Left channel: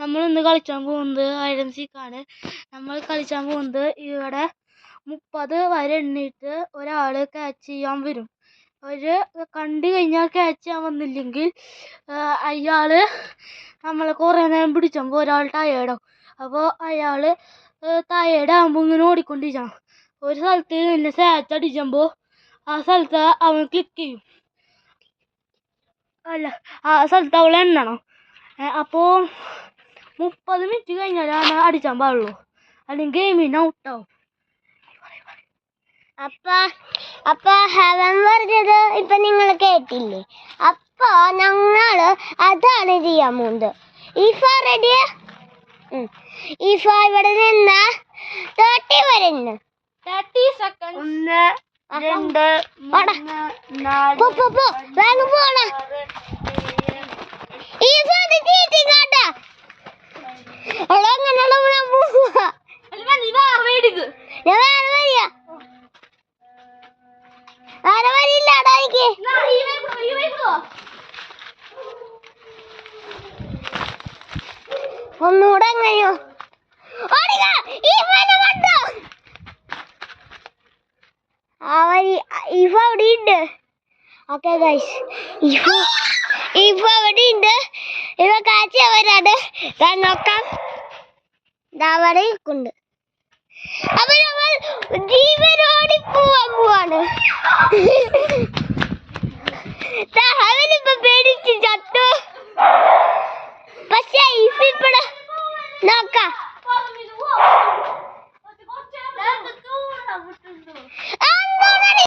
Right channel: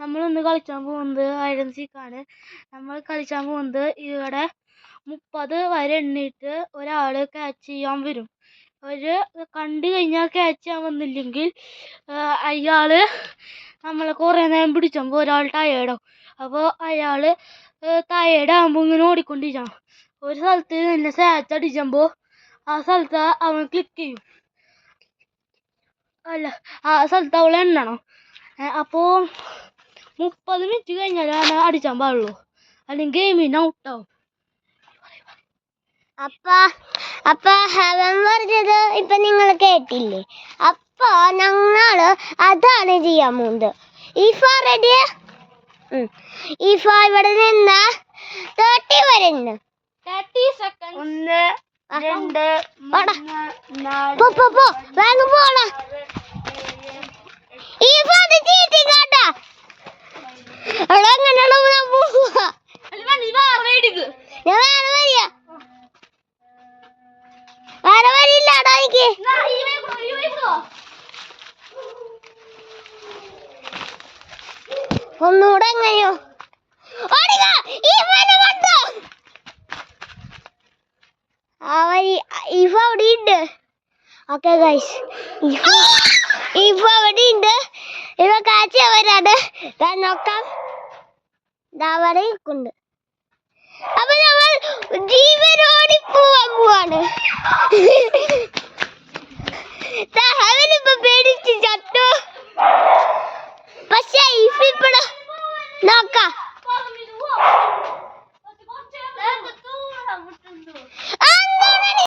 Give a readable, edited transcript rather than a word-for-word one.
നമ്മൾ ഇന്ന് കളിച്ചാൻ പോകുന്നത് ഹൈഡ് ആൻഡ് സീക്ക് ആണ്. നമ്മൾ കളിച്ചാൻ പോകുന്നത് ഇവിടെ 30 വരെ എണ്ണിയിട്ട് ഒരാൾ ക്യാച്ച് ചെയ്യാൻ വരും. ഒരു കണ്ടു കഴിഞ്ഞാൽ ക്യാച്ച് ചെയ്യാൻ വന്നില്ലെങ്കിൽ അയാൾ നമ്മളെ കുറേ നേരം പിടിച്ചുമ്പോൾ ഒരാൾ ടയേർഡാവും. അപ്പോൾ അയാൾ ടയേർഡാകുമ്പോൾ ഇങ്ങനെ ഓടിക്കൊണ്ടിരിക്കണം. ഒരു സ്ഥലത്ത് നിന്ന് സാച്ച് അടിച്ചുമ്പോൾ ആ സ്ഥലത്ത് അവൻ ക്ലിക്ക് ചെയ്യും. അല്ല, ആ സ്ഥലത്ത് അവൾ എണ്ണണം. അപ്പോൾ 30 മിനിറ്റ് കഴിഞ്ഞാലാണ് അടിച്ചാൻ പാടുള്ളൂ, അല്ലെങ്കിൽ ഗെയിമിന് ഔട്ടാവും. അപ്പൊ ഹവൻ പറഞ്ഞത് ഇപ്പൊ നിങ്ങൾ കേട്ടില്ലേ? അപ്പൊ ഞങ്ങള് അതാണ് ചെയ്യാൻ പോകുന്നത്. ഈഫ ഇവിടെ നിന്ന് 30 വരെ 30 സെക്കൻഡ്. 1 2 3 4 ഈഫ അത് ചീറ്റിക്കാട്ടാ. ഞാൻ വേറെ വരിയില്ലാടാ എനിക്ക്. ഒന്നുകൂടെ എങ്ങനെയോ ഈഫ അവിടെ ഉണ്ട്. ഓക്കെ ഗൈസ്, ഈഫ അവിടെ ഉണ്ട്. ഇവ കാഴ്ച അവരാണ്. നോക്കാം, അവിടെ ഉണ്ട്. അപ്പൊ നമ്മൾ ജീവനോടി പോവാൻ പോവാണ്.